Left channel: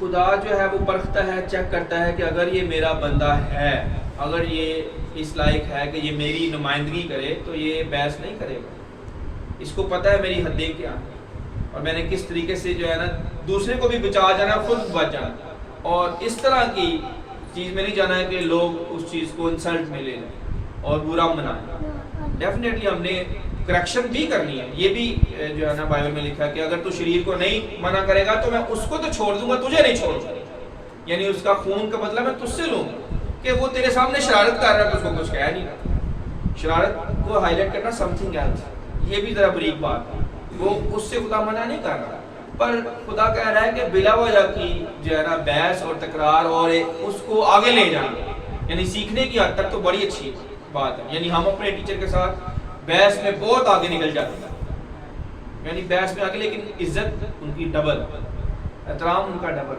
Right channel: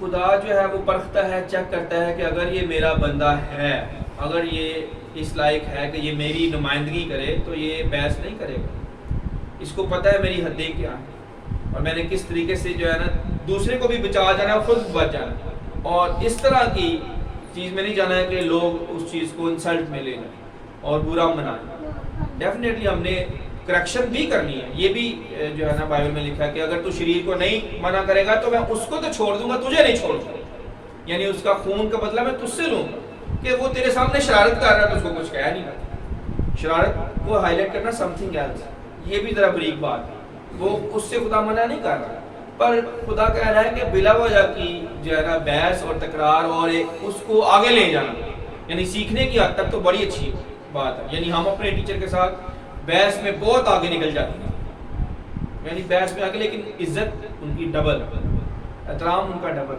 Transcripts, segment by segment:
خدا جو ہے وہ پرکھتا ہے، چیک کرتا ہے کہ اگر یہ میرا بندہ ہے، اگر یہ اس لائق ہے کہ یہ میری نمائندگی کرے، تو یہ بحث نہیں کرے گا. اس کو پتہ ہے میری حدیں کیا ہیں اور میں نے کس طریقے سے جو ہے نا دوسرے کو بھی بچا جانا ہے، خود بچ جانا ہے. اور اس طرح کی چیز میں نہیں جانا ہے کہ لوگ اس چیز کو انسلٹ میں لے لیں اور برا منائیں. ڈیفینیٹلی ہم نے کریکشن بھی کرنی ہے. یہ بھی جو ہے نا بائبل میں لکھا ہے کہ اگر تو شریر کو نہیں منع کرے گا تو میں اس کو تو چھوڑ دوں گا، تجھے نہیں چھوڑوں گا. یعنی اس کا خون کا بدلہ میں تجھ سے لوں گا. کہ وہ تیرے سامنے شرارت کر رہا ہے تو اس کو کچھ کہہ نہیں رہا. شرارت کو ہائی لائٹ کرنا سم تھنگ ایلس، یہ بھی ذرا بریک بات ہے. وہ اس سے خدا منع نہیں کر رہا، پر خدا کہہ رہا ہے کہ بلا وجہ کی جو ہے نا بحث اور تکرار اور اس کو آگے لے جانا، یعنی سیکھنے کی حد تک تو بڑی اچھی بات ہے. یعنی ہم اپنے ٹیچر کے ساتھ بحث میں بہت آگے نکل جاتے ہیں، یعنی بحث میں آگے، لیکن عزت ان کی ڈبل، احترام ان کا ڈبل.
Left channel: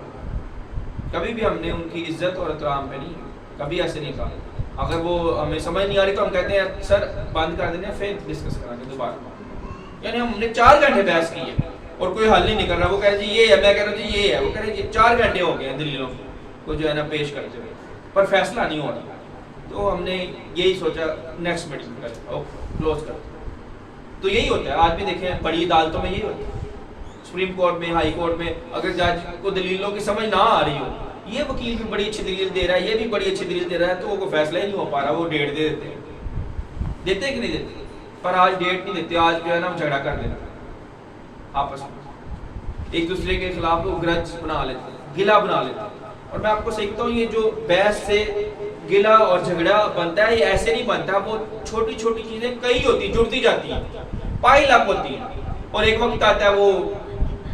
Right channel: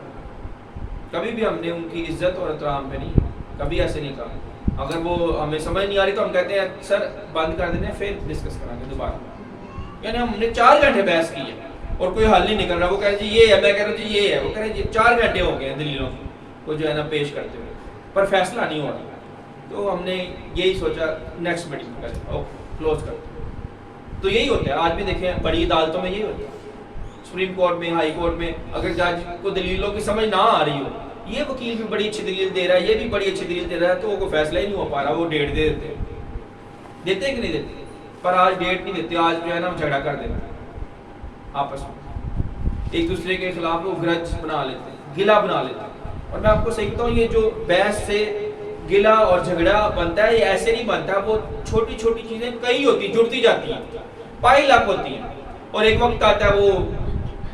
کبھی بھی ہم نے ان کی عزت اور احترام پہ نہیں، کبھی ایسے نہیں کہا. اگر وہ ہمیں سمجھ نہیں آ رہی تو ہم کہتے ہیں سر بند کر دینے، پھر ڈسکس کریں گے دوبارہ. یعنی ہم نے 4 گھنٹے بحث کی ہے اور کوئی حل نہیں نکل رہا. وہ کہہ رہے جی یہ ہے، میں کہہ رہا ہوں جی یہ ہے، وہ کہہ رہے جی 4 گھنٹے ہو گئے ہیں دلیلوں کو جو ہے نا پیش کرتے ہوئے، پر فیصلہ نہیں ہو رہا. تو ہم نے یہی سوچا نیکسٹ میٹنگ کریں اور کلوز کرتے. تو یہی ہوتا ہے آج بھی دیکھیں بڑی عدالتوں میں یہی ہوتا ہے. سپریم کورٹ میں، ہائی کورٹ میں اگر جج کو دلیلوں کی سمجھ نہ آ رہی ہو، یہ وکیل بھی بڑی اچھی دلیل دے رہا ہے، یہ بھی بڑی اچھی دلیل دے رہا ہے، تو وہ کوئی فیصلہ ہی نہیں ہو پا رہا. وہ ڈیٹ دے دیتے ہیں، دیتے ہیں کہ نہیں دیتے؟ پر آج ڈیٹ نہیں دیتے. آج جو ہے نا ہم جھگڑا کر دیتے ہیں آپس میں، ایک دوسرے کے خلاف وہ گرج بنا لیتے ہیں، گلا بنا لیتے ہیں. اور میں آپ کو صحیح بتاؤں، یہ جو بحث سے گلا اور جھگڑا بنتا ہے یہ ایسے نہیں بنتا. وہ چھوٹی چھوٹی چیزیں کئی ہوتی ہیں، جڑتی جاتی ہیں، پائل اپ ہوتی ہیں، اور ایک وقت آتا ہے وہ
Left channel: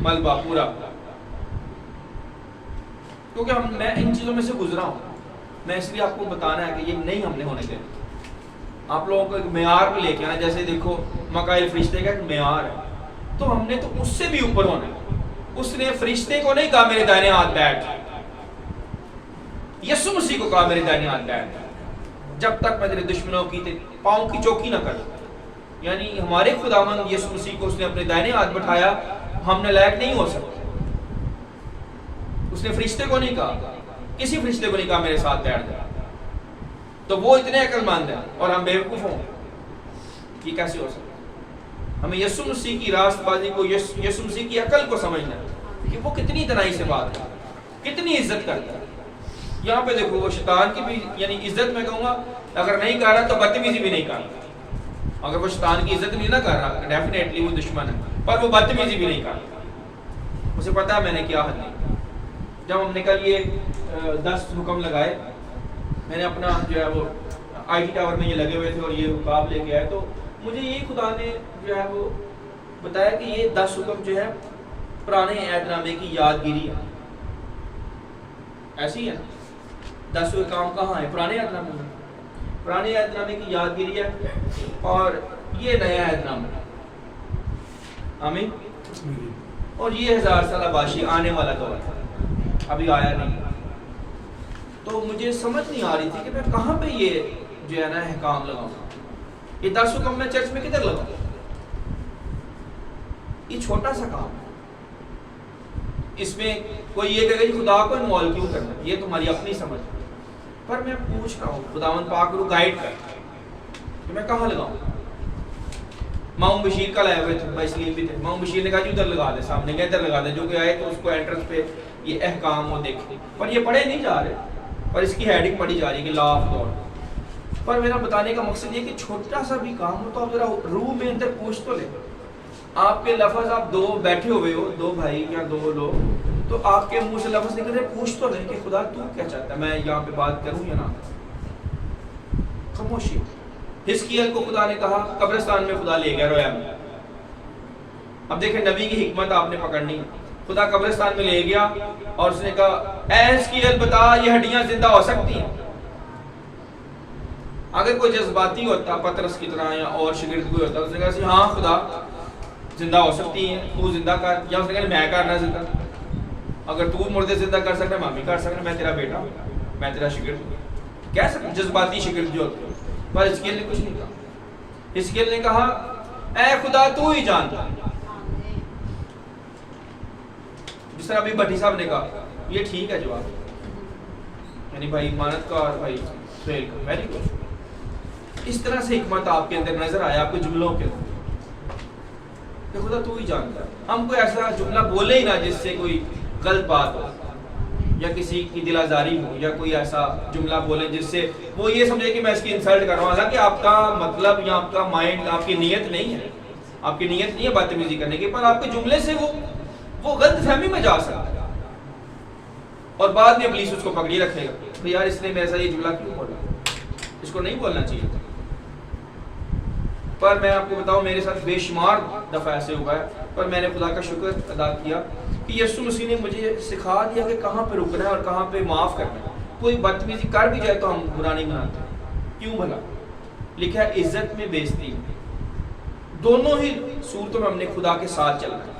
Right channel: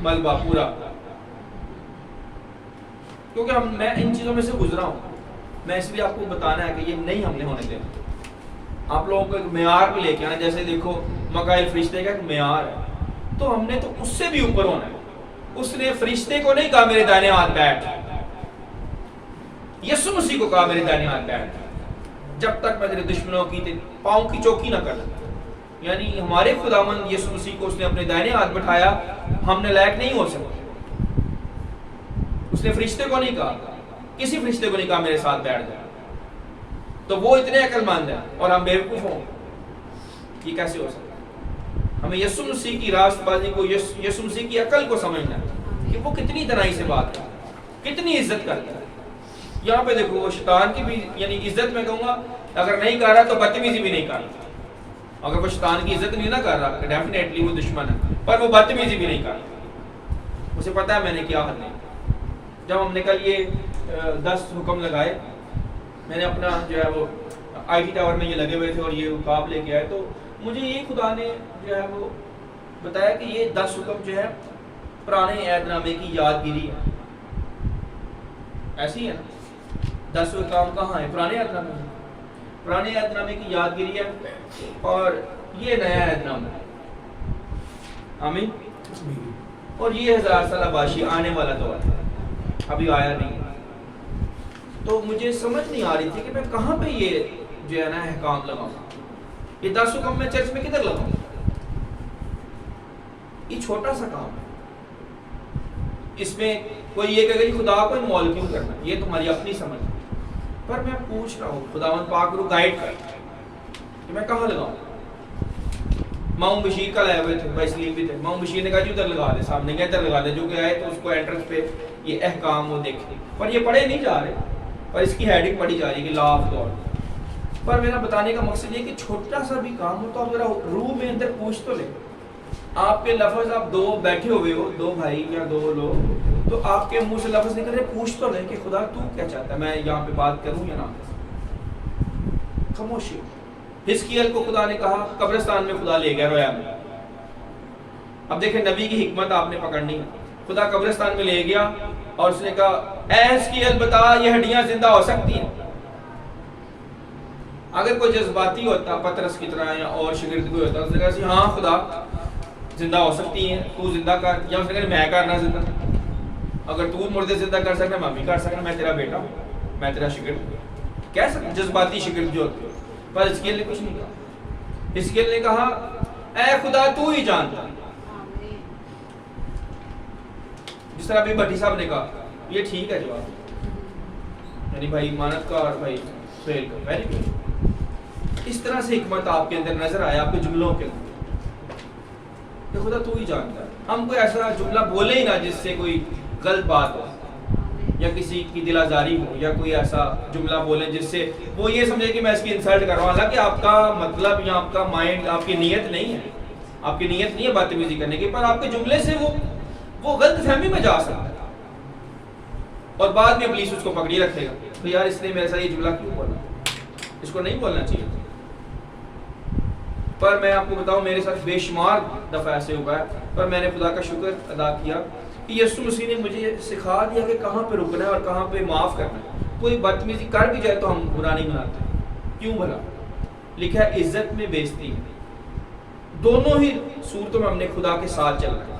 ملبہ پورا. کیونکہ میں ان چیزوں میں سے گزرا ہوں، میں اس لیے آپ کو بتانا ہے کہ یہ نہیں ہم نے ہونے دینا. آپ لوگوں کو ایک معیار پہ لے کے آنا. جیسے دیکھو مکائل فرشتے کا ایک معیار ہے، تو ہم نے تو اس سے بھی اوپر ہونا ہے. اس نے فرشتے کو نہیں کہا میرے دائنے ہاتھ بیٹھ، یسوع مسیح کو کہا میرے دائنے ہاتھ بیٹھ، جب تک میں تیرے دشمنوں کی پاؤں کی چوکی نہ کر دوں. یعنی ہمارے خداوند یسوع مسیح کو اس نے اپنے دائنے ہاتھ بٹھایا، ہم نے لائق نہیں ہو سکتے. اس نے فرشتے کو نہیں کہا، کسی فرشتے کو نہیں کہا میرے ساتھ بیٹھ جائے. تو وہ اتنے عقل مند ہیں اور ہم بیوقوف ہوں. یہ کیسے ہو سکتا؟ ہمیں یسوع مسیح کی راست بازی کو، یسوع مسیح کی عقل کو سمجھنا ہے کہ وہ کتنی تنائی سے بات کرتا ہے، کتنی عزت کرتا ہے. یہاں پہ دیکھو وہ شیطان کی بھی، یعنی عزت میں کہوں گا اگر نہیں کر رہا تو بدتمیزی بھی نہیں کر رہا. اگر وہ شیطان کی عزت نہیں نہ کر رہا، ڈیفینیٹلی وہ دشمن ہے، پر وہ بدتمیزی بھی نہیں کر رہا. اسے پتا ہے میں نے کیا حد نہیں. جب ہم نے کل یہ 10 حکم لگائے، میں نے اپنا جو ہے وہ آئی ٹی ٹاور میں یہ لگے ہوئے تھے اور یہ رکاب لے کے آئے، تو مجھے یہ خدا نے جو ہے وہ بتایا کہ یہ 10 حکم جو ہے پرانے عہد نامے کی یادگیری ہے. ایسی ہے نا، 10 کام کہاں ہے؟ پرانے عہد نامے میں. پرانے عہد نامے کی یادگیری ہے اور یہ نیا عہد نامہ ہے. آمین. اور یہ 1000 سالہ باشی آنے والا دور ہے، ابھی آیا نہیں. تو مجھے سمجھ نہیں آ رہی تھی کہ میں کہاں پہ یہ جو ہے نا احکام لگاؤں. یہ 10 حکم میں چرچ میں کدھر لگاؤں؟ یہ چھوٹا سا کام ہے. اس میں کوئی یہ کہے گا خدا کو انوالو کیوں کرنا، یہ تمہاری اپنی سمجھ. پر میں پوچھ رہا ہوں خداوند پاک رو گائیڈ کر کہ میں کہاں لگاؤں. ماؤں بشیر کا لائے ہوئے تھے، بھائی سلیم بھی تھے. ماؤں بشیر نے کہا جی ادھر لگا دے، سامنے گیا ادھر لگا دے. جو کہ آئے تو اس کو انٹرنس پہ یہ احکام وہ دیکھے، پر یہ پڑھے نہیں جا رہے، پر اس کی ہیڈنگ پڑھی جا رہی ہے کہ لا آف گاڈ. پر میرا بتانے کا مقصد یہ کہ چھوٹا سا بھی کام ہو تو آپ ذرا روح میں اندر پوچھ تو لیں. آپ کے لفظ، آپ 2 بیٹھے ہوئے ہو، 2 بھائی یا 2 لوگ، تو آپ کے منہ سے لفظ نکل رہے، پوچھ تو لیں کہ خدا تو کیا چاہتا ہے، میں یہاں پہ بات کروں یا نہ. خاموشی. حزقیل کو خدا نے کہا قبرستان میں خدا لے گیا رویا میں. اب دیکھیں نبی کی حکمت آپ نے پکڑنی ہے. خدا قبرستان میں لے گیا اور اس نے کہا اے حزقیل بتا یہ ہڈیاں زندہ ہو سکتی ہیں؟ اگر کوئی جذباتی ہوتا پترس کی طرح یا اور شاگرد کوئی ہوتا، اس نے کہا ہاں خدا زندہ ہو سکتی ہیں، تو زندہ کر. یا اس نے کہا میں کرنا زندہ، اگر تو مردے زندہ کر سکنا میں بھی کر سکنا، میں تیرا بیٹا ہوں، میں تیرا شاگرد ہوں. کہہ سکتا جذباتی شاگرد جو ہوتے ہیں. پر حزقیل نے کچھ نہیں کہا. حزقیل نے کہا اے خدا تو ہی جانتا. جس طرح ابھی بھٹی صاحب نے کہا یہ ٹھیک ہے جواب, یعنی بھائی مانت کا اور بھائی سہیل کا, ویری گڈ. اس طرح سے حکمت آپ کے اندر نظر آیا, آپ کے جملوں کے اندر کہ خدا تو ہی جانتا ہے. ہم کوئی ایسا جملہ بولے ہی نہ جس سے کوئی غلط بات ہو یا کسی کی دل آزاری ہو, یا کوئی ایسا جملہ بولیں جس سے وہ یہ سمجھے کہ میں اس کی انسلٹ کر رہا ہوں. حالانکہ آپ کا مطلب یا آپ کا مائنڈ, آپ کی نیت نہیں ہے, آپ کی نیت نہیں ہے بدتمیزی کرنے کی, پر آپ کے جملے سے وہ غلط فہمی میں جا سکتا ہے, اور بعد میں ابلیس اس کو پکڑی رکھے گا تو یار اس نے میرے ساتھ یہ جملہ کیوں بولا, اس کو نہیں بولنا چاہیے. پر میں آپ کو بتاؤں میرے ساتھ بے شمار دفعہ ایسے ہوا ہے, پر میں نے خدا کا شکر ادا کیا کہ یسوع مسیح نے مجھے سکھا دیا کہ کہاں پہ رکنا ہے اور کہاں پہ معاف کرنا ہے. کوئی بدتمیزی کر بھی جائے تو ہم برا نہیں مناتے. کیوں بھلا؟ لکھا ہے عزت میں بے عزتی, دونوں ہی صورتوں میں ہم نے خدا کے ساتھ چلنا ہے.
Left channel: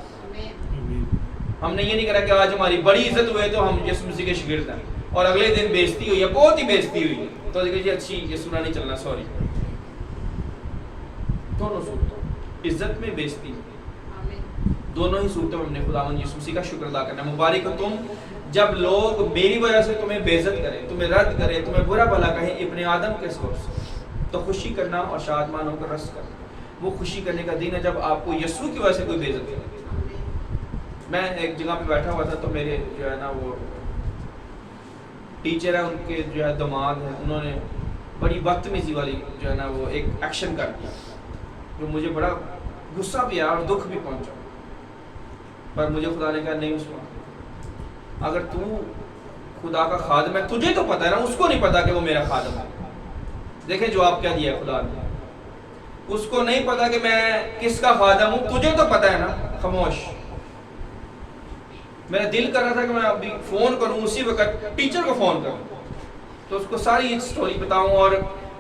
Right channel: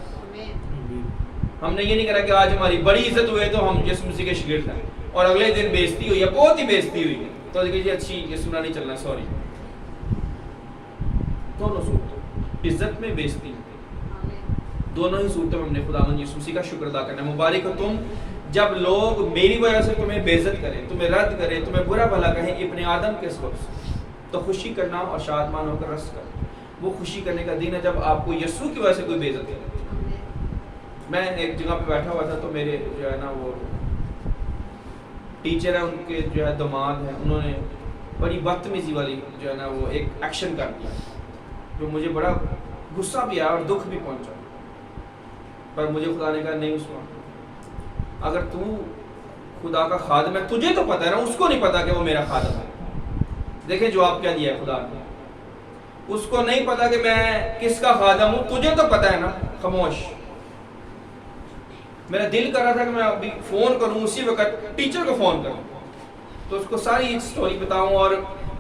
ہم نے یہ نہیں کرا کہ آج ہماری بڑی عزت ہوئے تو ہم یسوع مسیح کے شاگرد ہیں, اور اگلے دن بے عزتی ہوئی ہے, بہت ہی بے عزتی ہوئی ہے, تو جی اچھی یسوع نہیں چلنا, سوری. دونوں صورتوں, عزت میں بے عزتی, دونوں ہی صورتوں میں ہم نے خداوند یسوع مسیح کا شکر ادا کرنا ہے. مبارک ہو تم جب لوگ میری وجہ سے تمہیں بے عزت کریں, تمہیں رد کریں, تمہیں برا بھلا کہیں ابن آدم کے سبب سے, تو خوشی کرنا اور شادمان ہو کر رس کرنا. وہ خوشی کرنے کا دن ہے جب آپ کو یسوع کی وجہ سے کوئی بے عزت کرے. میں ایک جگہ پہ بیٹھا ہوا تھا, تو میرے جو ہے نا وہ ٹیچر ہیں, ان کے جو ہے داماد ہیں, انہوں نے بڑی بدتمیزی والی جو ہے نا وہ ایک ایکشن کر دیا, جو مجھے بڑا غصہ بھی آیا اور دکھ بھی پہنچا. پر مجھے خدا نے کہا نہیں عثمان, اگر تو خدا کا خادم ہے تجھے تو پتا ہے نا, اس کو نہیں پتا کہ وہ میرا خادم ہے. دیکھیں جواب کیا دیا ہے خدا نے, اس کو نہیں پتا کہ میں کس کا خادم ہوں, تجھے تو پتا ہے نا. خاموش. میرا دل کر رہا تھا کہ میں ابھی فون کروں, اسی وقت ٹیچر کو فون کروں, تو اس کو ساری سٹوری بتاؤں, اور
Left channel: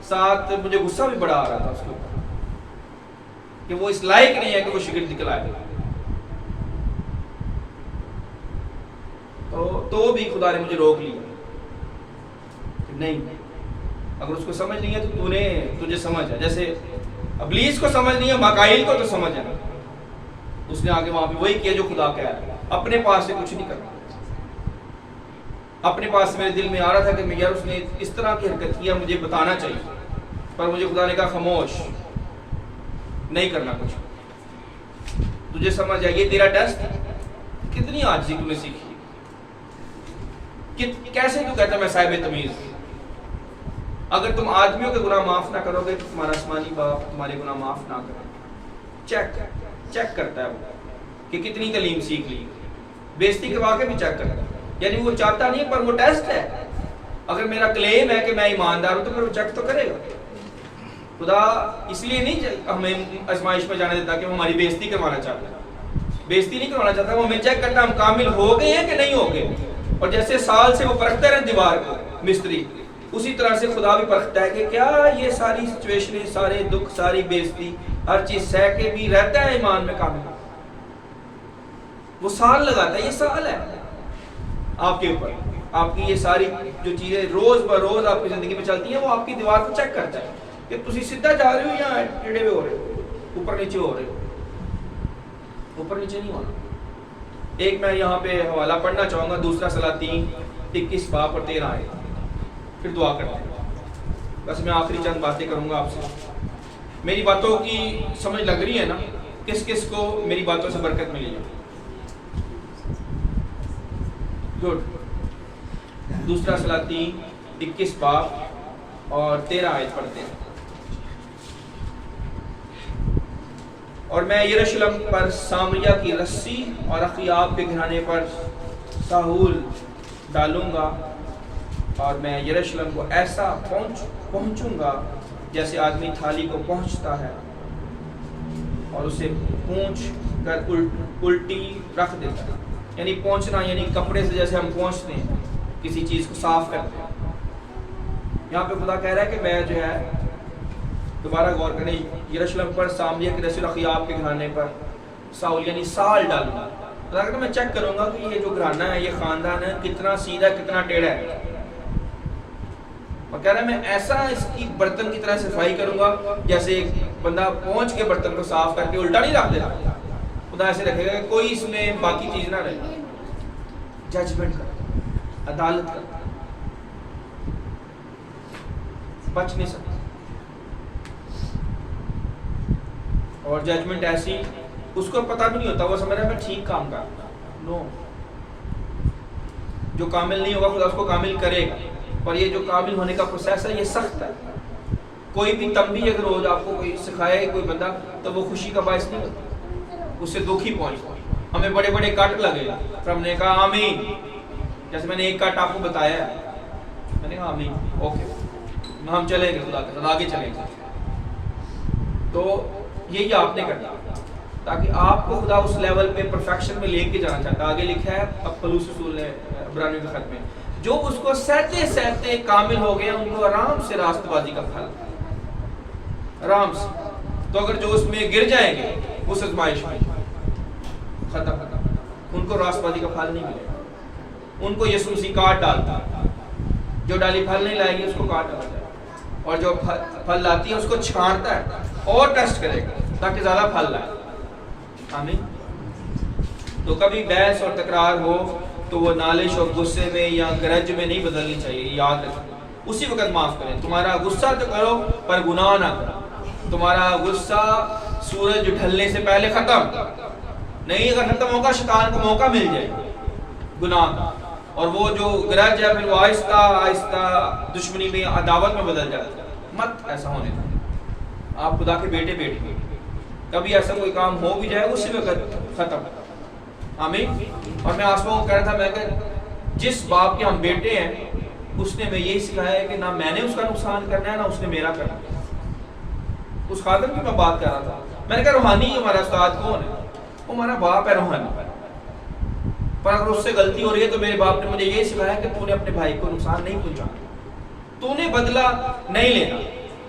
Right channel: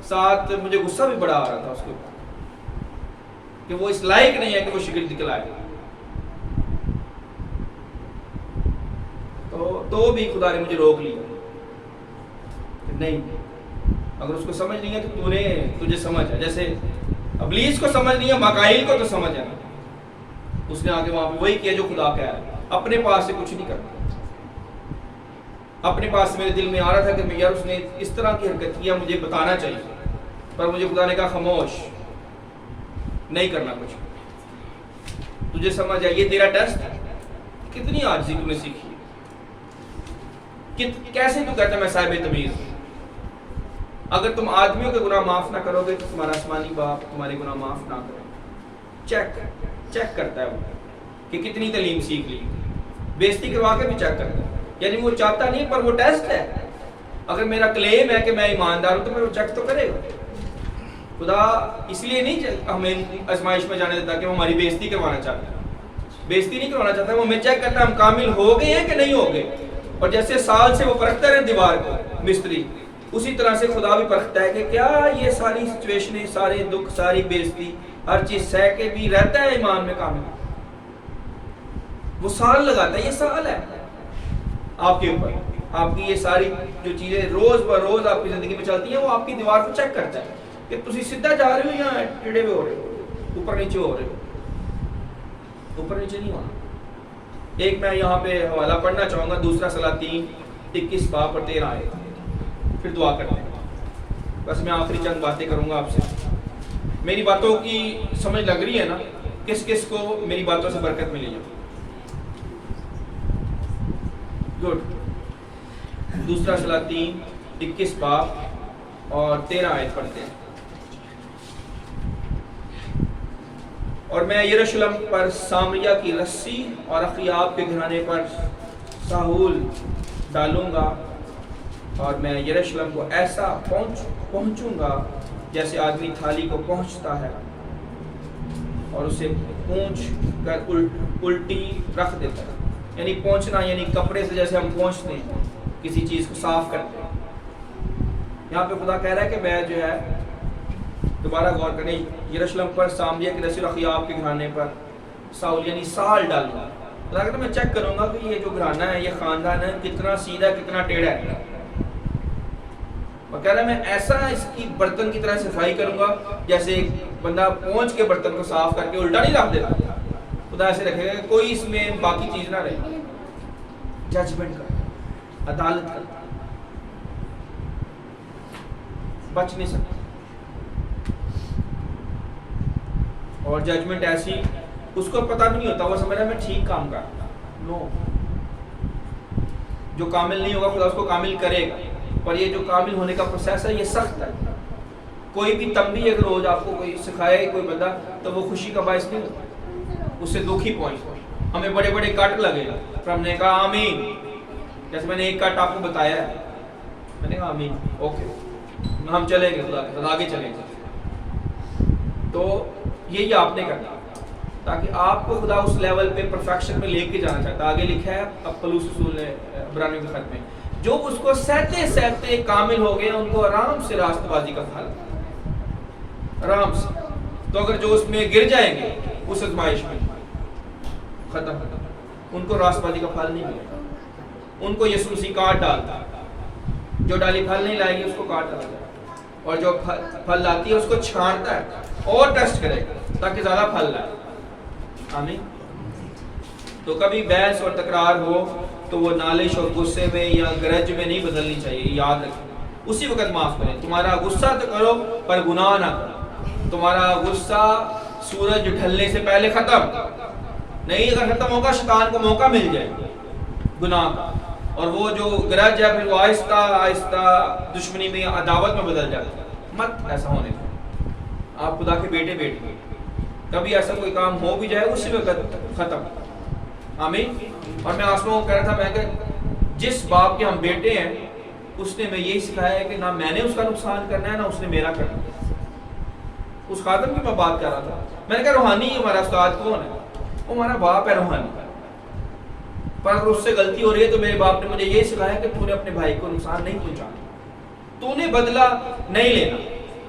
ساتھ مجھے غصہ بھی بڑا آ رہا تھا اس کے اوپر کہ وہ اس لائق نہیں ہے کہ وہ شاگرد نکلائے. تو بھی خدا نے مجھے روک لیا کہ نہیں, اگر اس کو سمجھ نہیں ہے تو تجھے سمجھ ہے. جیسے ابلیس کو سمجھ نہیں ہے, مکائیل کو تو سمجھ ہے نا. اس نے آگے وہاں پہ وہی کیا جو خدا کہہ رہا ہے, اپنے پاس سے کچھ نہیں کرنا. اپنے پاس سے میرے دل میں آ رہا تھا کہ یار اس نے اس طرح کی حرکت کیا, مجھے بتانا چاہیے, پر مجھے خدا نے کہا خاموش, نہیں کرنا کچھ. تجھے سمجھ ہے یہ تیرا ٹیسٹ ہے, کتنی عاجزی تم نے سیکھی, کیسے تو کہتا میں صاحب تمیز ہوں. اگر تم آدمیوں کے گناہ معاف نہ کرو گے تو تمہارا آسمانی باپ تمہارے گناہ معاف نہ کرے. چیک کرتا ہے وہ کہ کتنی تعلیم سیکھ لی. بےزتی کروا کے بھی چیک کرتا ہے, یعنی وہ چاہتا نہیں پر وہ ٹیسٹ ہے. اگر میرا کلیم ہے کہ میں ایماندار ہوں تو پھر وہ چیک تو کرے گا. خدا اس لیے نہیں ہمیں آزمائش میں جانے دیتا کہ وہ ہماری بےزتی کروانا چاہتا ہے. بےزتی نہیں کروانا چاہتا, وہ ہمیں چیک کرتا ہے ہم کامل ہو گئے ہیں کہ نہیں ہو گئے. اور جیسے سال سے وہ پرکھتا ہے دیوار کو مستری, اسی طرح سے خدا بھی پرکھتا ہے کہ کیا یہ ساری سچویشنیں, سارے دکھ, ساری بےزتی, ہر چیز سہ کے بھی رہتا ہے ایمان میں کامل. وہ سال لگاتا ہے, یہ سال ہے آپ کے اوپر. آپ کی یہ ساری جو چیزیں روز بروز آپ کی زندگی میں چلتی ہیں, وہ آپ کی دیوار کو چیک کرتا ہے کہ تسی سیدھا جا رہے ہو یا ٹیڑھے ہوئے ہو رہے ہو, اوپر نیچے ہو رہے ہو. اوپر نیچے نہیں ہونا. ایک میں یہاں پہ حوالہ پڑھنا چاہوں گا, دوسرا سلاطین 21 باب اور 13 آیت, پھر دعا کرتے ہیں. بس میں آخری چند باتیں کروں گا آپ سے. میری باتوں کی سمجھ لگ رہی ہے نا, کس کس کو میری باتوں سے برکت ملی ہے؟ گڈ. دوسرا سلاطین 21 باب اور 13 آیت پڑھتے ہیں. اور میں یروشلم پر سامریہ کی رسی اور اخیاب کے گھرانے پر ساحول ڈالوں گا, اور میں یروشلم کو ایسا پہنچوں گا جیسے آدمی تھالی کو پہنچتا ہے اور اسے پونچھ کر الٹی رکھ دیتا ہے. یعنی پہنچنا یعنی کپڑے سے جیسے ہم پہنچتے ہیں, کسی چیز کو صاف کرتے ہیں. یہاں پہ خدا کہہ رہا ہے کہ میں جو ہے, دوبارہ غور کریں, یروشلم پر سامریہ کے رسی اور اخیاب کے گھرانے پر ساحول یعنی سال ڈالوں گا. خدا کہتا ہے میں چیک کروں گا کہ یہ جو گھرانہ ہے, یہ خاندان ہے, کتنا سیدھا کتنا ٹیڑھا ہے. اور کہہ رہا ہے میں ایسا اس کی برتن کی طرح صفائی کروں گا جیسے ایک بندہ پہنچ کے برتن کو صاف کر کے الٹا نہیں رکھ دیتا. خدا ایسے رکھے گا کہ کوئی اس میں باقی چیز نہ رہے. ججمنٹ کر عدالت کرتا ہے، بچ نہیں سکتا. اور ججمنٹ ایسی اس کو پتہ بھی نہیں ہوتا، وہ سمجھ رہا ہے میں ٹھیک کام کر. نو، جو کامل نہیں ہوگا خدا اس کو کامل کرے گا. اور یہ جو کامل ہونے کا پروسیس ہے یہ سخت ہے. کوئی بھی تنبیہ اگر روز آپ کو کوئی سکھائے کوئی بندہ تو وہ خوشی کا باعث نہیں ہوتا، اس سے دکھ ہی پہنچتا. ہمیں بڑے بڑے کٹ لگے گا پر ہم نے کہا آمین. جیسے میں نے ایک کٹ آپ کو بتایا ہے، میں نے کہا آمین، اوکے ہم چلیں گے خدا کے ساتھ آگے چلیں گے. تو یہی آپ نے کرنا تاکہ آپ کو خدا اس لیول پہ پرفیکشن میں لے کے جانا چاہتا ہے. آگے لکھا ہے اب پولس رسول نے عبرانیوں کے خط میں، جو اس کو سہتے سہتے کامل ہو گئے ان کو آرام سے راست بازی کا پھل، آرام سے. تو اگر جو اس میں گر جائیں گے اس آزمائش میں ختم، ان کو راست بازی کا پھل نہیں ملے گا. ان کو یسوع مسیح کاٹ ڈالتا ہے، جو ڈالی پھل نہیں لائے گی اس کو کاٹ ڈالا جائے، اور جو پھل لاتی ہے اس کو چھانٹتا ہے اور ٹیسٹ کرے گا تاکہ زیادہ پھل لائے. آمین. تو کبھی بحث اور تکرار ہو تو وہ نالش اور غصے میں یا گرج میں نہیں بدلنی چاہیے. یاد رکھیں اسی وقت معاف کریں. تمہارا غصہ تو کرو پر گناہ نہ کرو. تمہارا غصہ سورج ڈھلنے سے پہلے ختم نہیں، اگر ختم ہوگا شیطان کو موقع مل جائے گناہ کا، اور وہ جو گرج ہے پھر وہ آہستہ آہستہ دشمنی میں عداوت میں بدل جاتا ہے. مت ایسا ہونے دیں. آپ خدا کے بیٹے بیٹی، کبھی ایسا کوئی کام ہو بھی جائے اسی وقت ختم. آمین. اور میں آسمان کو کہہ رہا تھا، میں کہ جس باپ کے ہم بیٹے ہیں اس نے میں یہی سکھایا ہے کہ نہ میں نے اس کا نقصان کرنا ہے نہ اس نے میرا کرنا ہے. اس خادم کی میں بات کر رہا تھا، میں نے کہا روحانی ہمارا استاد کون ہے؟ وہ ہمارا باپ ہے روحانی. پر اگر اس سے غلطی ہو رہی ہے تو میرے باپ نے مجھے یہی سکھایا کہ تو نے اپنے بھائی کو نقصان نہیں پہنچانا، تو نے بدلہ نہیں لینا،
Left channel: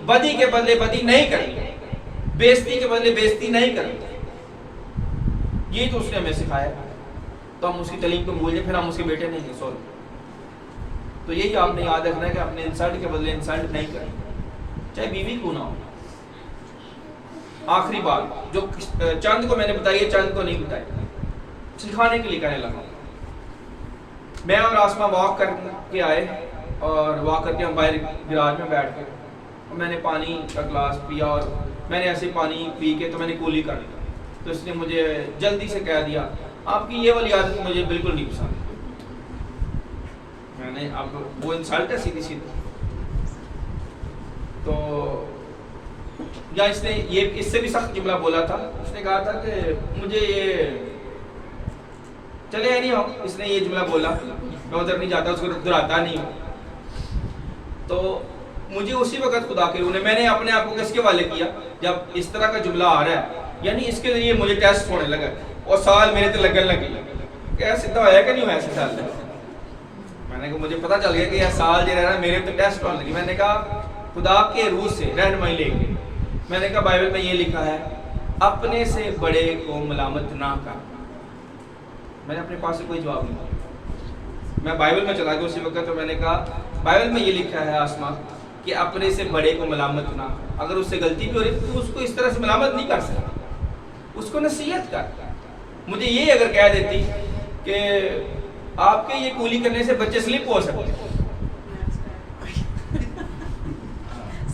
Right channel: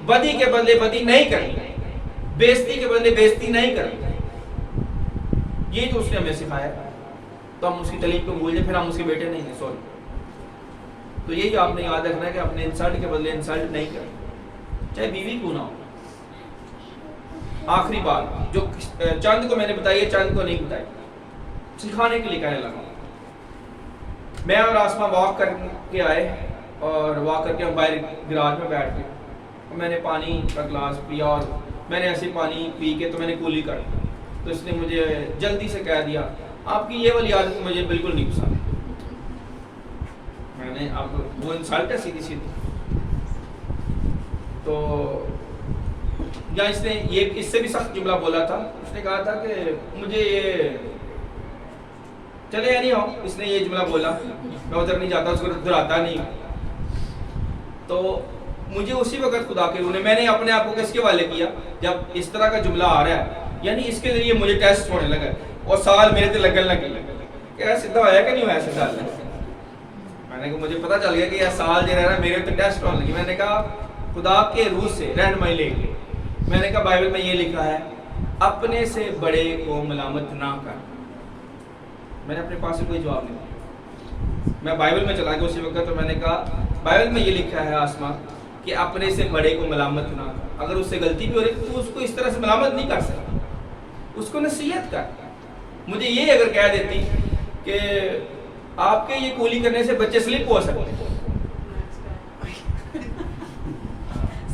بدی کے بدلے بدی نہیں کرنی، بےزتی کے بدلے بےزتی نہیں کرنی. یہی تو اس نے ہمیں سکھایا. تو ہم اس کی تعلیم کو بھول جائیں پھر ہم اس کے بیٹے نہیں ہیں. سوری. تو یہی آپ نے یاد رکھنا ہے کہ اپنے انسلٹ کے بدلے انسلٹ نہیں کریں، چاہے بیوی کیوں نہ ہو. آخری بات جو چند کو میں نے بتائی ہے چند کو نہیں بتائی، سکھانے کے لیے کہنے لگا. میں اور آسما واک کر کے آئے اور واک کر کے ہم باہر گراج میں بیٹھ گئے اور میں نے پانی کا گلاس پیا اور میں نے ایسے پانی پی کے تو میں نے کولی کر دی. تو اس نے مجھے جلدی سے کہہ دیا آپ کی یہ والی عادت مجھے بالکل نہیں پسند. میں نے اب وہ انسلٹ ہے سیدھی سیدھی. تو یا اس نے یہ اس سے بھی سخت جملہ بولا تھا. اس نے کہا تھا کہ مجھے یہ چلے نہیں ہو، اس نے یہ جملہ بولا، میں ادھر نہیں جاتا، اس کو دہراتا نہیں. تو مجھے اسی وقت خدا کے روح نے، میں نے اپنے آپ کو کس کے والے کیا جب اس طرح کا جملہ آ رہا ہے، یعنی اس کے ذریعے مجھے ٹیسٹ ہونے لگا اور سال میرے تے لگن لگی کہ سیدھا ہوا کہ نہیں ہوا ایسے سال. میں نے کہا مجھے پتا چل گیا کہ یہ سال جو رہا میرے تے ٹیسٹ ہونے لگی. میں نے کہا خدا کے روح سے رہنمائی لے کے میں نے کہا بائبل میں یہ لکھا ہے اپنے سے بڑے کو ملامت نہ کر. میں نے اپنے پاس سے کوئی جواب نہیں دیا. میں بائبل میں چلا گیا اسی وقت. تو میں نے کہا بائبل میں یہ لکھا ہے آسما کہ اپنے سے بڑے کو ملامت نہ کر. اگر اس سے غلطی بھی ہو رہی تو اس کو اس طرح سے ملامت نہیں کر سکتا، اس کو نصیحت کر. مجھے یہ اگر کہہ دیتی کہ آپ کے یہ کولی کرنے سے بچے سلپ ہو سکتے ہیں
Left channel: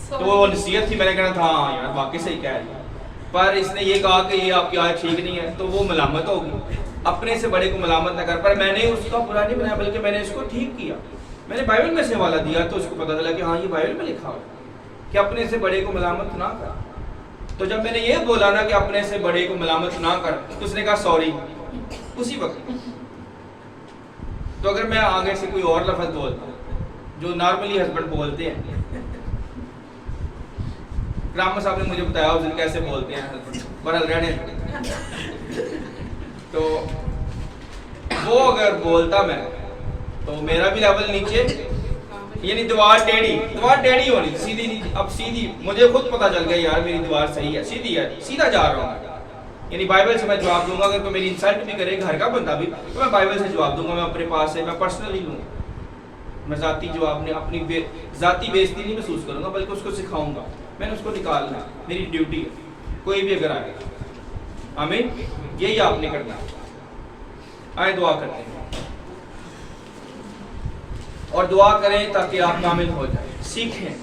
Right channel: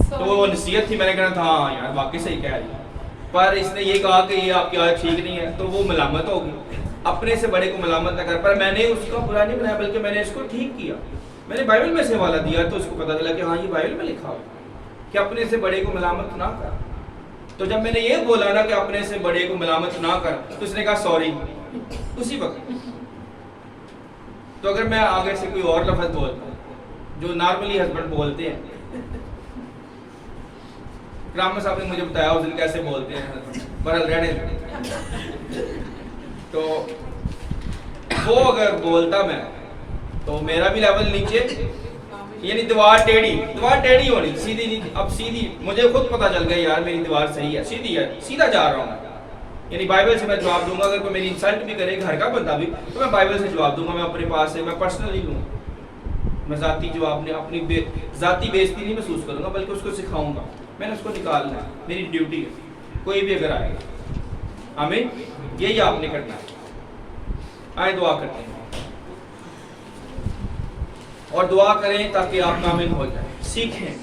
تو وہ نصیحت تھی. میں نے کہا تھا ہاں یار واقعی صحیح کہہ رہی ہے. پر اس نے یہ کہا کہ یہ آپ کی عادت ٹھیک نہیں ہے تو وہ ملامت ہوگی. اپنے سے بڑے کو ملامت نہ کر. پر میں نے اس کا برا نہیں بنایا بلکہ میں نے اس کو ٹھیک کیا. میں نے بائبل میں سے حوالہ دیا تو اس کو پتا چلا کہ ہاں یہ بائبل میں لکھا ہوا ہے کہ اپنے سے بڑے کو ملامت نہ کر. تو جب میں نے یہ بولا نا کہ اپنے سے بڑے کو ملامت نہ کر تو اس نے کہا سوری اسی وقت. تو اگر میں آگے سے کوئی اور لفظ بولتا ہوں جو نارملی ہسبینڈ بولتے ہیں، رام صاحب نے مجھے بتایا اس دن کیسے بولتے ہیں ہسبینڈ، برحال رہنے تو وہ اگر بولتا میں تو میرا بھی لیول نیچے، یعنی دیوار ٹیڑھی ہونی سیدھی نہیں. اب سیدھی مجھے خود پتا چل گیا یار میری دیوار صحیح ہے، سیدھی ہے، سیدھا جا رہا ہوں. یعنی بائبل سے میں جواب دوں گا. اگر کوئی میری انسلٹ بھی کرے گھر کا بندہ بھی تو میں بائبل سے جواب دوں گا. میں اپنے پاس سے میں پرسنلی لوں گا. میں ذاتی جواب نہیں، اپنی ذاتی بےزتی نہیں محسوس کروں گا بلکہ اس کو سکھاؤں گا. میں نے اس کو نکالنا ہے، میری ڈیوٹی ہے. کوئی بھی اگر آئے آمین یہی آپ نے کرنا ہے. آئے دعا کرتے ہیں. اور دعا کریں تاکہ آپ کامل ہو جائیں. سیکھیں.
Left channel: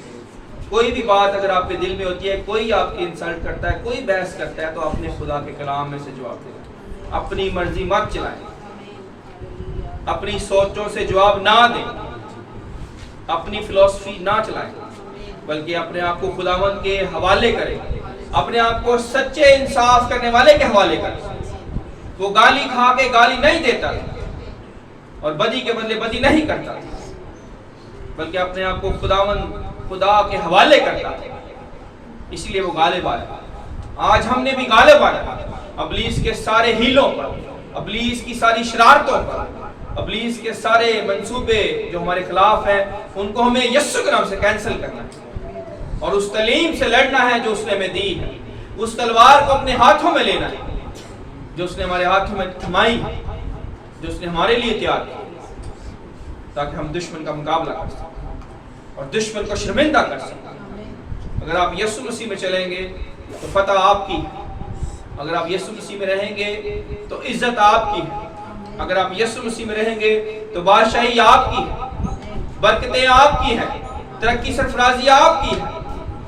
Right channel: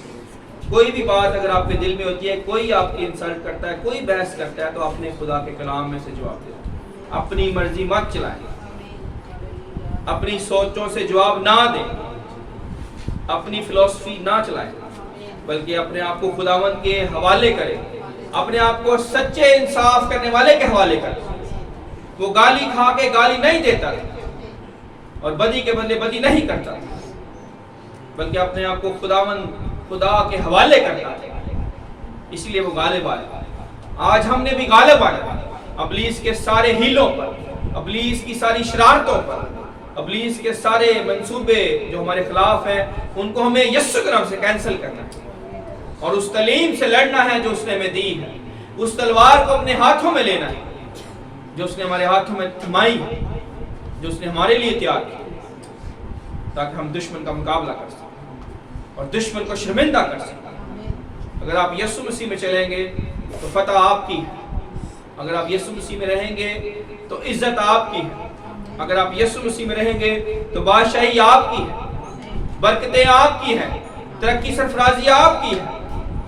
کوئی بھی بات اگر آپ کے دل میں ہوتی ہے، کوئی آپ کی انسلٹ کرتا ہے، کوئی بحث کرتا ہے، تو اپنے خدا کے کلام میں سے جواب دیں. اپنی مرضی مت چلائیں، اپنی سوچوں سے جواب نہ دیں، اپنی فلسفی نہ چلائیں، بلکہ اپنے آپ کو خداوند کے حوالے کریں. اپنے آپ کو سچے انصاف کرنے والے کے حوالے کریں. وہ گالی کھا کے گالی نہیں دیتا اور بدی کے بدلے بدی نہیں کرتا، بلکہ اپنے آپ کو خدا کے حوالے کرتا ہے. اس لیے وہ غالب آیا. آج ہم نے بھی غالب آنا ابلیس کے سارے ہیلوں پر، ابلیس کی ساری شرارتوں پر، ابلیس کے سارے منصوبے جو ہمارے خلاف ہیں، ان کو ہمیں یسوع کے نام سے کینسل کرنا ہے اور اس تعلیم سے لڑنا ہے جو اس نے ہمیں دی ہے. اس تلوار کو اپنے ہاتھوں میں لینا ہے جو اس نے ہمارے ہاتھوں میں تھمائی ہے، جو اس نے ہمارے لیے تیار کی، تاکہ ہم دشمن کا مقابلہ کر سکیں اور دشمن کو شرمندہ کر سکیں. اگر آپ یسوع مسیح میں چلیں گے تو فتح آپ کی ہے. اگر آپ یسوع مسیح میں رہیں گے تو عزت آپ کی ہے. اگر آپ یسوع مسیح میں رہیں گے تو بادشاہی آپ کی ہے، برکتیں آپ کی ہیں، ترقی سرفرازی آپ کی ہے.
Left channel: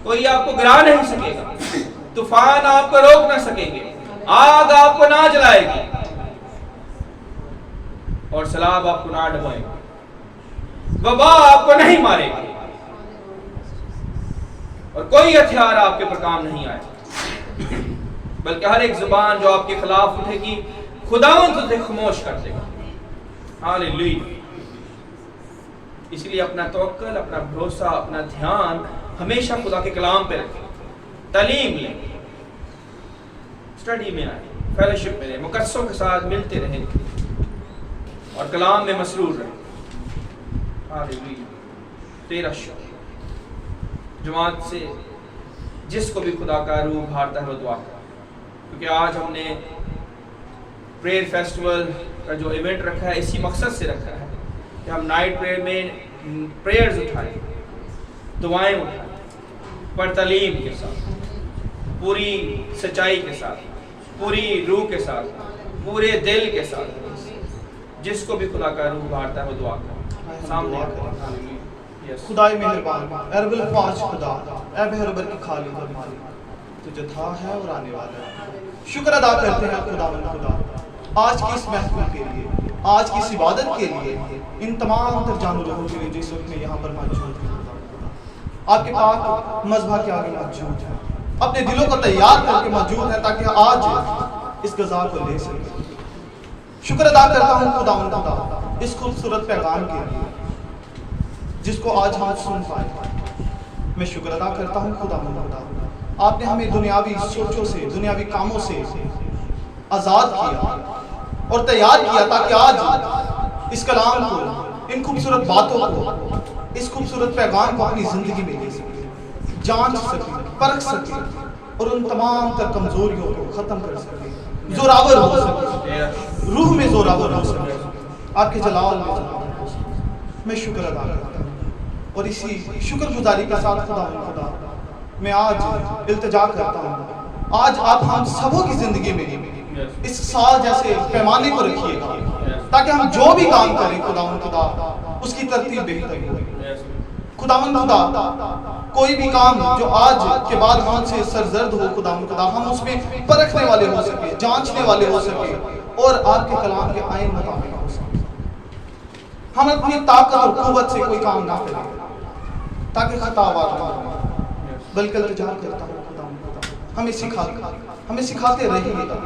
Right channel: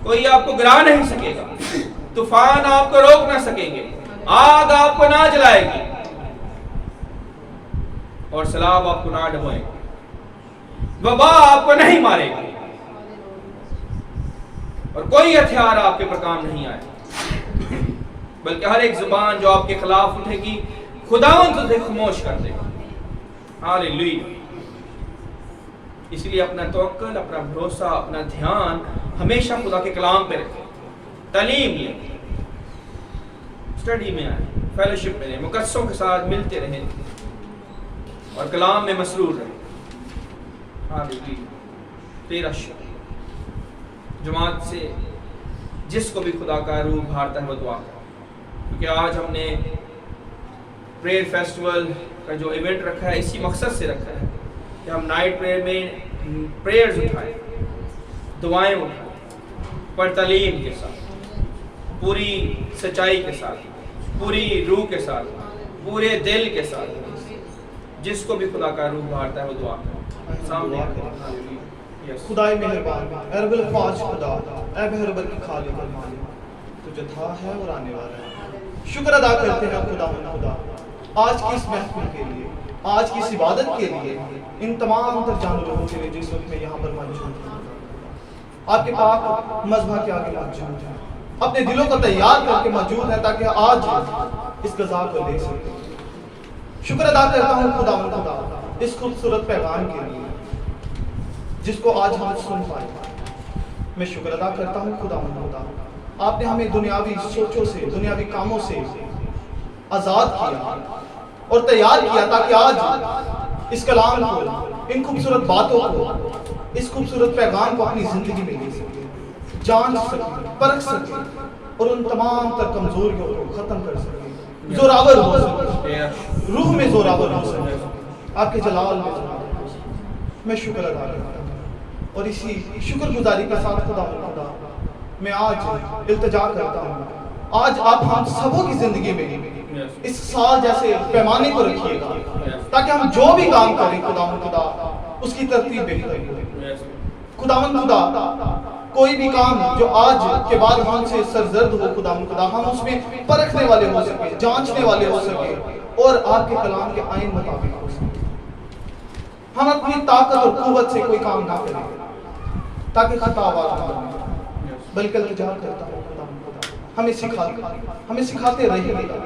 کوئی آپ کو گرا نہیں سکے گا، طوفان آپ کو روک نہ سکیں گے، آگ آپ کو نہ جلائے گی اور سیلاب آپ کو نہ ڈبوئے گی. وبا آپ کو نہیں مارے گی اور کوئی ہتھیار آپ کے پر کام نہیں آئے، بلکہ ہر ایک زبان جو آپ کے خلاف اٹھے گی خداوند اسے خاموش کر دے گا. ہاللیلویہ. اس لیے اپنا توکل، اپنا بھروسہ، اپنا دھیان ہمیشہ خدا کے کلام پہ رکھیں. تعلیم لیں، اسٹڈی میں آئیں، فیلوشپ میں رہیں، مقدسوں کے ساتھ ملتے رہیں اور کلام میں مسرور رہیں. ہاللیلویہ. تیرا شکر. جماعت سے جس کو بھی خدا کا روح بھارتا ہے وہ دعا کرے، کیونکہ آج ہم نے پریئر فیسٹیول کا جو ایونٹ رکھا ہے اسی مقصد سے رکھا ہے کہ ہم نائٹ پریئر میں پریئرز اٹھائیں، دعائیں اٹھائیں، پر تعلیم کے ساتھ، پوری سچائی کے ساتھ، پوری روح کے ساتھ، پورے دل کے ساتھ. جس کو بھی خدا کا روح بھارتا ہے وہ دعا کرے. سامنے خدائے مہربان، اے رب الفاظ خدا، اے بہربر کی خالق اور مالک، تو جو تھا ہے اور آنے والا ہے. شکر ادا کرتے ہیں خدا آج کی اس محفل کے لیے، آج کی اس عبادت کے لیے، ان تمام تر جان و جوہوں کے لیے جس وقت میں یہاں پر موجود ہیں. آپ کے پاک مذبح کے آگے موجود ہیں، اپنے دلوں کو تیار کر کے موجود ہیں تاکہ آج اس غذا کو لے سکیں. شکر ادا کرتا ہوں خدا اس خوبصورت پیغام کے لیے جس کو آج ہم سن پائے. میں شکر ادا کرتا ہوں خدا آپ نے ہمیں دنیاوی سوچوں سے، دنیاوی کاموں سے آزاد کیا اور تیار کیا تاکہ آج اس کلام کو، ان خوبصورت باتوں کو، اس خوبصورت پیغام کو اپنی زندگی میں لے سکیں، جانچ سکیں، پرکھ سکیں اور ان تمام تر کمزوریوں کو ختم کر سکیں، زوراور ہو سکیں، روح میں زوراور ہو سکیں، آپ کے جلال میں زوراور ہو سکیں. میں شکر ادا کرتا ہوں اور اسی شکر گزاری کے ساتھ خدا میں آج التجا کرتا ہوں، آج آپ ہم سبوں کی زندگی میں اس سال جیسے پیمانے کو رکھیے گا تاکہ ہم جو بھی کام کریں خدا اس کی ترتیب بہتر ہو. خدا کوئی بھی کام جو آج کے بعد ہم سے سرزرد ہو خدا ہم اس میں پرکھنے والے ہو سکے، جانچنے والے ہو سکے اور آپ کے کلام کے آئین مطابق ہو سکے. ہم اپنی طاقت اور قوت سے کوئی کام نہ کریں تاکہ خطا آواز نہ بنے، بلکہ التجا کرتا ہے خدا ہمیں سکھاتے رہیے گا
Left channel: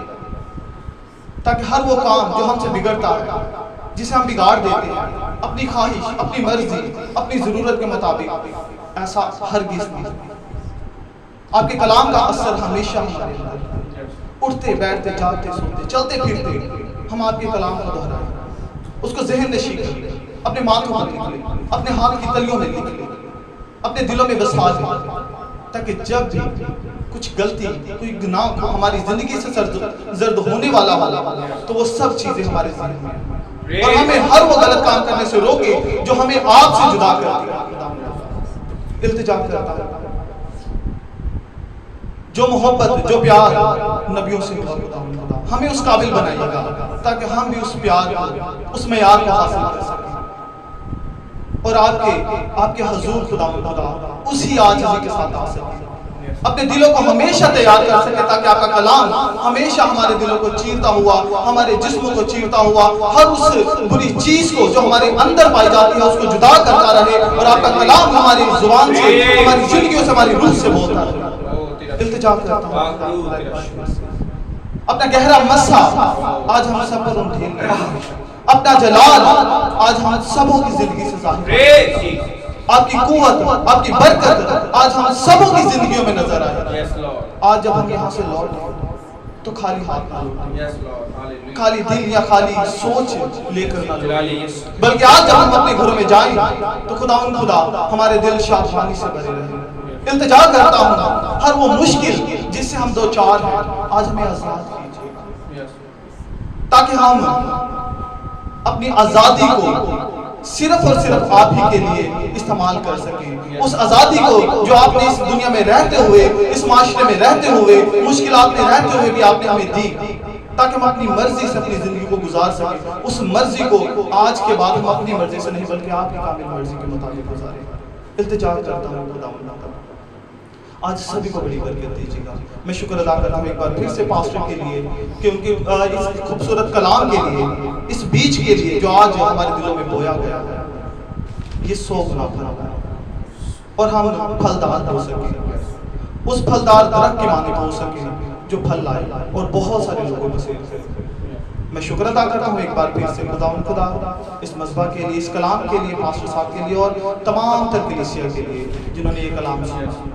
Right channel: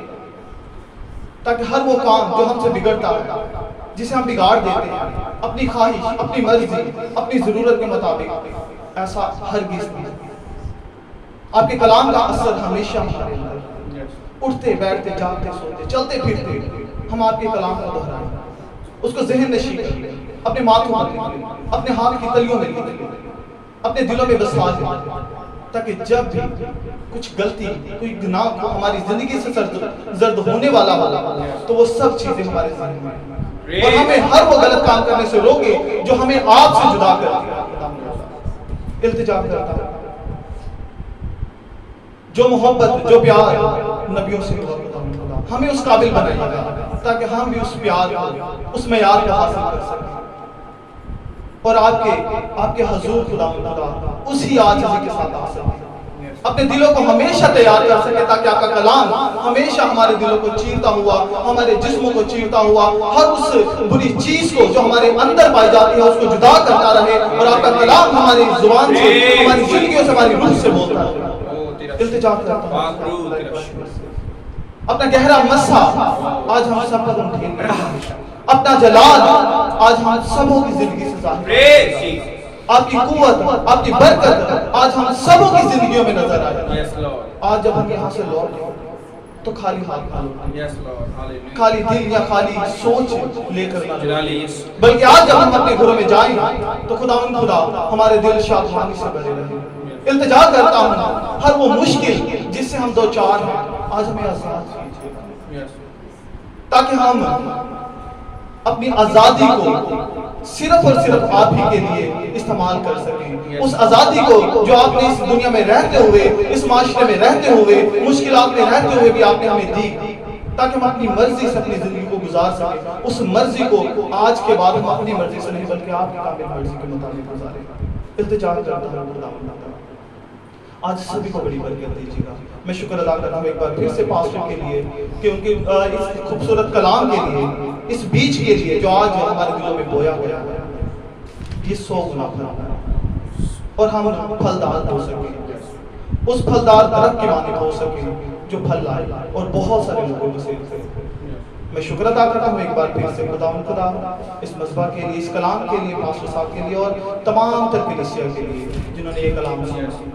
تاکہ ہر وہ کام جو ہم سے بگڑتا ہے، جسے ہم بگاڑ دیتے ہیں اپنی خواہش، اپنی مرضی، اپنی ضرورت کے مطابق، ایسا ہرگز نہیں. آپ کے کلام کا اثر ہمیشہ ہمارے اندر، اٹھتے بیٹھتے جاگتے سوتے چلتے پھرتے ہم آپ کے کلام کو دہرائیں، اس کو ذہن نشین کر لیں، اپنے ماتھوں پر لکھ لیں، اپنے ہاتھ کی تلیوں میں لکھ لیں، اپنے دلوں میں بسا دیں تاکہ جب بھی کچھ غلطی، کوئی گناہ کو ہماری زندگی سے زرد ہونے والا ہو تو وہ سب چیزیں ہمارے ذہن میں اور ہمیں ہر وہ غلط کام کرنے سے روکے جو ہمیں آپ سے جدا کر دیا. التجا کرتا ہے جو محبت، جو پیار نبیوں سے محبت ہمیں اس قابل بنائیے گا تاکہ ہم بھی اس پیار کو، اس معیار کو حاصل کر سکیں اور آپ کے حضور خدا اسی عاجزی کے ساتھ آ سکے، اپنے دلوں کو ہمیشہ تیار کر سکے تاکہ آپ کا کلام ہمیشہ ہمارے دلوں کو چیرتا ہوا، ہمارے جسموں کو چیرتا ہوا، ہر اس بری چیز کو جو ہمارے اندر پائی جاتی ہے اس کو جدا کرتا رہے، اور آپ کا کلام ہماری زبان سے، ہماری زندگیوں سے، ہماری روح سے بولتا رہے۔ التجا کرتا ہوں اپنا گہرا مسا آج ہم سب پر انڈھیل رہے ہیں، اپنا جلال آج ہم سبوں کی زندگی سے ظاہر ہے، آپ کی قوت، آپ کی برکت آج ہم سبوں کی زندگیوں میں نظر آئے۔ آج جب ہم یہاں سے لوٹیں تو خالی ہاتھ نہ لوٹیں، خالی دل یا خالی سوچ لے کر نہ لوٹیں، بلکہ آج جب ہم اپنے گھروں میں جائیں تو خدا ہمارے دل شادمانی سے بھرے رہے۔ التجا کرتا ہوں ہر وہ مشکل جس سے ہم دو چار ہیں آج ہمیں آزاد کیجیے، تاکہ ہم اپنی آزادی کو صرف اور صرف آپ ہی کے لیے استعمال کر سکیں، اس آزادی کو جو آپ نے اس دنیا میں رہتے ہوئے، اس معاشرے میں رہتے ہوئے، مشکلات میں رہتے ہوئے بھی آپ نے ہمیں دی، تاکہ ہم اپنی مرضی سے اپنی زندگی کو گزار سکیں۔ اس مرضی کو آج کے بعد ہم اپنی مرضی سے نہیں بلکہ آپ کی کامل مرضی کے مطابق گزاریں۔ التجا کرتا ہوں خدا آج سبھی کو بڑی برکت دیجیے گا۔ میں شکر ادا کرتا ہوں ایک بار پھر سے پاسٹر کے لیے کہ ان کے اس خوبصورت کلام کے لیے، اس بیج کے لیے جو آج ہمارے دلوں میں بویا گیا ہے، یہ 100 گنا بھرا ہے اور ہم پھلدار ہو سکیں، اس پھلدار درخت کے مانند ہو سکیں جو پھل لائے اور بہت سارے لوگوں کو سیر کرے۔ میں شکر ادا کرتا ہوں ایک بار پھر سے خدا اس مذبح کے لیے، اس کلام کے لیے، پاسٹر صاحب کے لیے اور تمام تر کلیسیا کے لیے جنہوں نے یہ کلام سنا،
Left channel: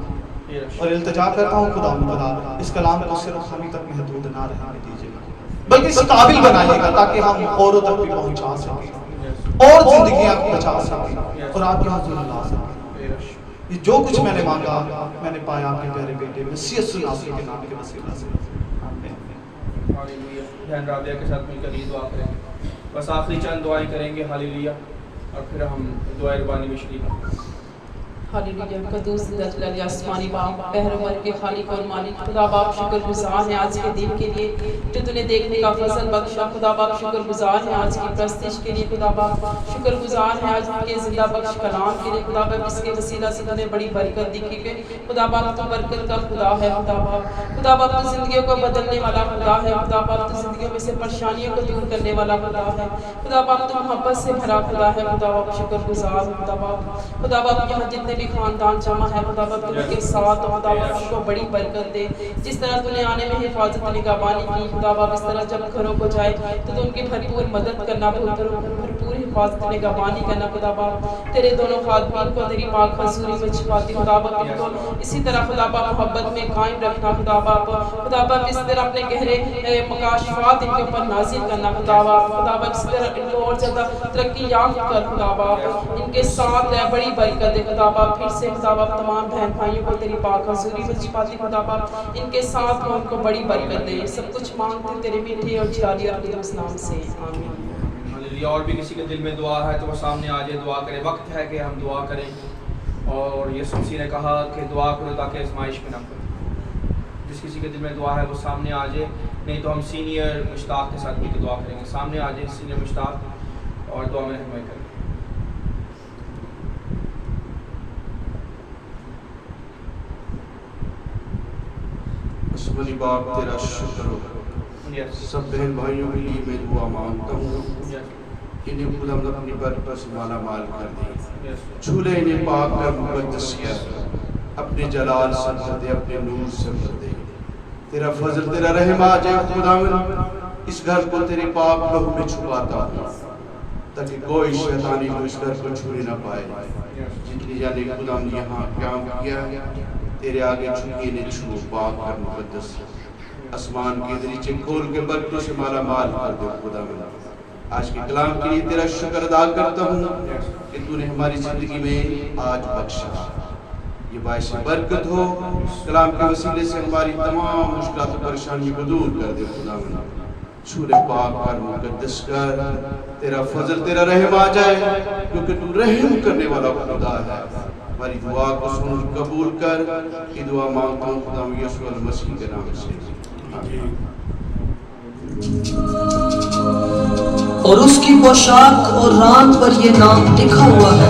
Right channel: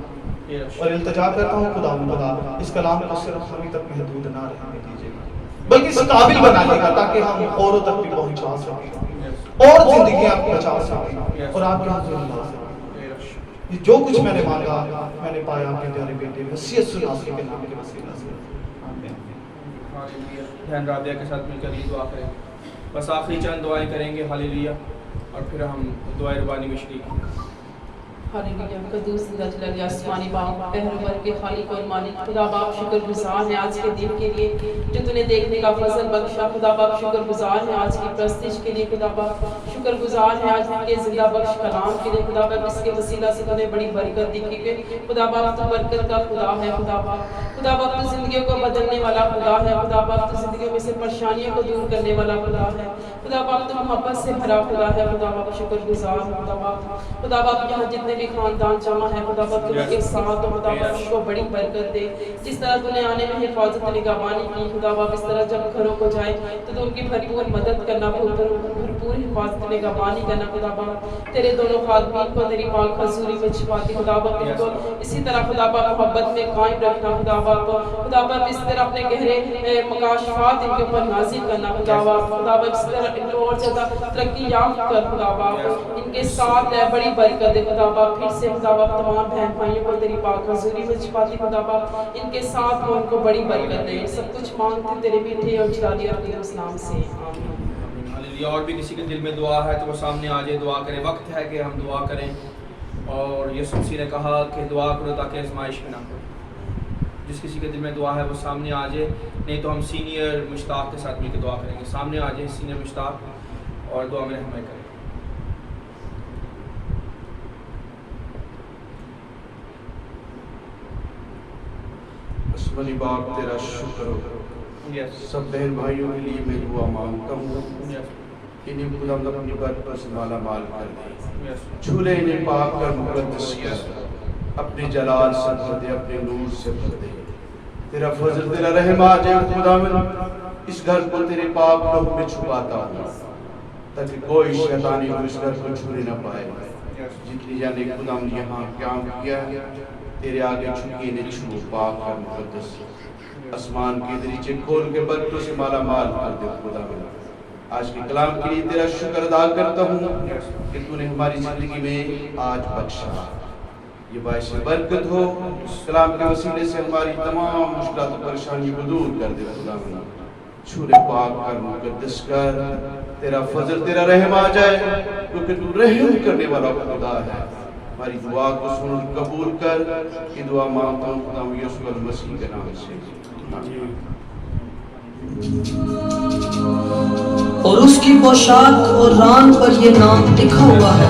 اور التجا کرتا ہوں خدا اس کلام کو صرف ہم ہی تک محدود نہ رہنے دیجیے گا بلکہ اس قابل بنائیے گا تاکہ ہم اوروں تک بھی پہنچا سکیں اور زندگیاں بچا سکیں اور آپ کے حضور لا سکیں۔ یہ جو کچھ میں نے مانگا میں نے پایا آپ کے پیارے بیٹے مسیح یسوع المسیح کے نام کے وسیلہ سے، آمین۔ بہن رابعہ کے ساتھ مل کر یہ دعا کریں، بس آخری چند دعائیں کریں گے، ہاللیلویہ، اور پھر ہم دعائے ربانی میں شریک ہیں۔ ہاللیلویہ، قدوس جلال آسمانی باپ، پہرور کے خالق اور مالک، خدا باپ شکر گزار ہیں آج کے دن کے لیے جو تو نے دیکھنے کا فضل بخشا۔ خدا باپ شکر گزار ہیں آج کی پرستش کے لیے، خدا باپ شکر گزار ہیں آج کے زندہ بخش کلام کے لیے، خدا باپ اس کے وسیلہ سے تو نے بڑی برکت دکھی کہ خدا باپ تو برکت کا خدا ہے، خدا باپ تو زندگیوں کو بدلنے والا خدا ہے، خدا باپ تو زندگیوں میں سے پریشانیوں کو دور کرنے والا خدا ہے، خدا باپ تو محبت سے بھرا خدا ہے، خدا باپ شکر گزار، خدا باپ یہاں جتنے بھی خاندان جمع ہے خدا باپ تو ان کے ساتھ خدا باپ ان کو بڑی برکت دے، جس طرح تو نے آنے میں حفاظت نگہبانی کی خدا باپ اس طرح جب گھروں کو جائے تو ان کی بھرپور مدد کرنا، بھرپور حفاظت نگہبانی کرنا، خدا باپ تیرے دونوں خادمین کو تیری پاک حضوری میں چھپاتی خدا باپ ان کو اسی طرح خدا باپ محبت میں قائم رکھنا، خدا باپ اس طرح اپنے گہرے مکاشفات ان کے اوپر نازل کرنا، خدا باپ اس طرح ان کو اور زیادہ ترقی یافتہ کر، خدا باپ ان کے ساتھ ہے بڑی برکت دے، خدا باپ پھر سے خدا باپ تمام بہن بھائیوں کو تیری پاک حضوری میں چھپاتی خدا باپ ان کے ساتھ ہو، ان کو بڑی برکت دے، سب کچھ مانگتے تیرے میٹھے اور جلالی اور قدوس نام سے، آمین۔ اور بھی کسی کے دل میں دعا ہے تو وہ سامنے آ جائے، دعا کرے، وقت ہے کہ ہم دعا کریں، اور یسوع مسیح نے کہا کہ دعا کرو تاکہ آزمائش میں نہ کرو۔ جس کسی کے دل میں دعا ہے وہ سامنے آ جائے، نہیں تو ہم سینئر مشتاق کے ساتھ مل کے دعا کریں گے، سامنے آ جائے سینئر مشتاق اور دعا میں ہمیں کریں۔ بڑی باپ تیرا شکر ہو، سب بہن بھائیوں کے لیے میں دعا مانگتا ہوں، انہیں خدا اپنی برکتوں سے مالا مال کر دے، جھولے انہیں پاک اور مقدس کر، اپنے جلال سے بھر دے، اپنے نور سے بھر دے، تیرا فضل تیرا رحم آ جائے خدا من اس گھر کو تیرے پاک لوح میں چھپاتا ہوں تاکہ کوئی شیطانی کو اس گھر کو چھونے نہ پائے۔ جتنی جانے خدا نے یہاں قیام کیا ہے تیرے آگے چھکی نے چھو، پاک اور مقدس آسمان کے دریچے کھول کے برکتوں سے مالا مال کر دے خدا من۔ آج کے کلام کے لیے تیرا شکر ادا کرتا ہوں کہ تو نے ہماری زندگی میں آج بخشا، یہ باعث برکت ہو، کلام کے وسیلے سے ہماری تمام مشکلات و پریشانیوں کو دور کر دے خدا من۔ چھولے پاک اور مقدس کر، تیرا فضل تیرا رحم آ جائے کیونکہ تو رحم کرنے والا خدا ہے۔ ہماری دعا کو سن اور قبول کر، یہ دعا مانگتا ہوں خدا یسوع المسیح کے نام سے، آمین۔ اور اس کی پوشاک اور ران پر یہ نام لکھا ہوا ہے،